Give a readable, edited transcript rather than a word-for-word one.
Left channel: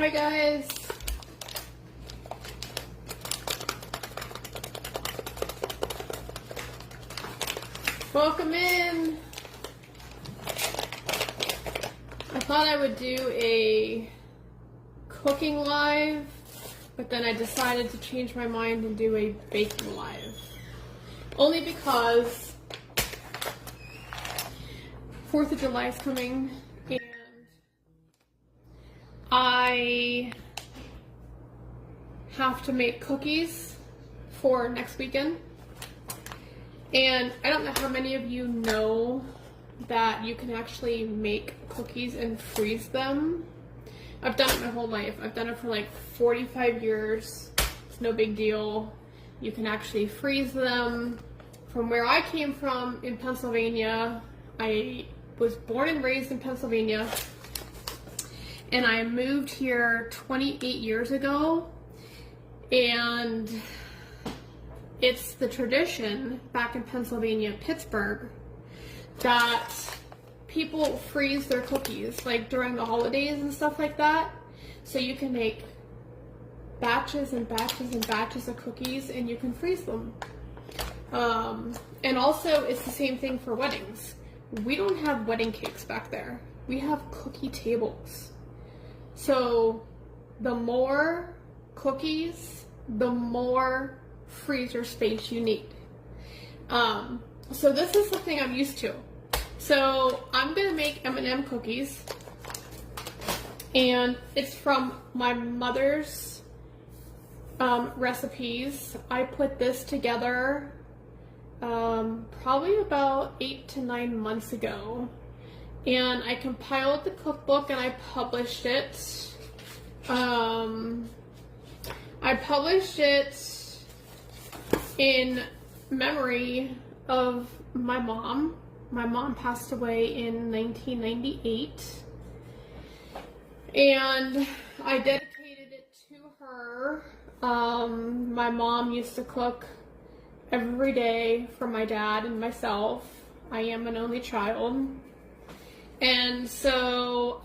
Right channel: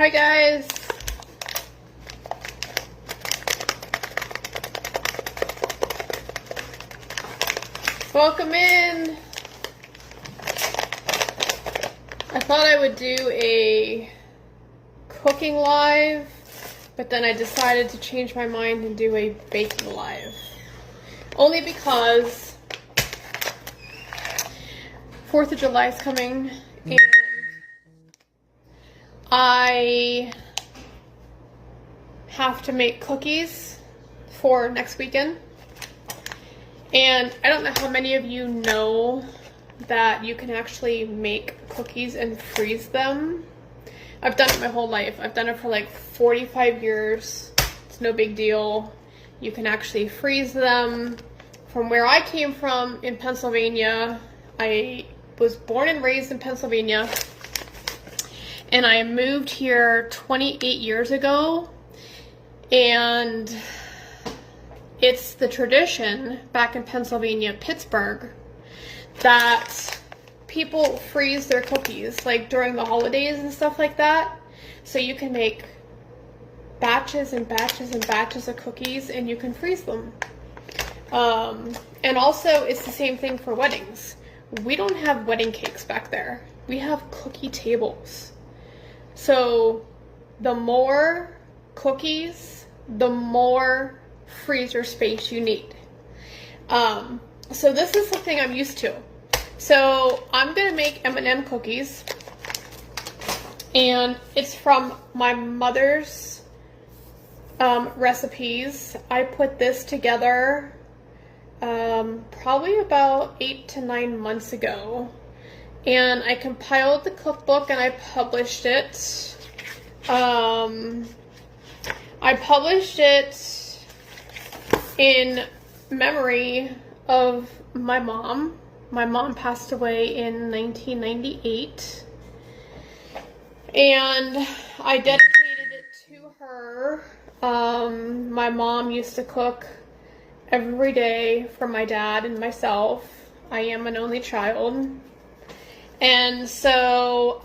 Hi guys. Welcome in. I thought I would do a cooking live, but then I decided to change my mind and do a baking live. Only because 4th of July is coming and I have to make cookies for next weekend. And I don't know how many of you know that you can actually make cookies and freeze them. I've done it my whole life. I've done it for like 45 years. It's no big deal. You can actually freeze them. From where I came from in Pennsylvania, I was born and raised in Pennsylvania. And I moved here 28 years ago. And it's the tradition back in Pennsylvania, Pittsburgh, that people freeze their cookies like during the holidays and stuff like that. So you can make batches and batches and batches of cookies and you can freeze them. And also it's the same thing for weddings. We don't have wedding cakes back there. We have cookie tables. So the more cookies, the more freezer space you need. So this is something I'm used to. So I'm gonna make M&M cookies, and it's from my mother's recipes. I put this together probably about 8 to 9 months ago, and I compiled the cookbook and I published it. I published it in memory of my mom. My mom passed away in 1998, and I dedicated it to her. My mom used to cook every day for my dad and myself. I am an only child, and so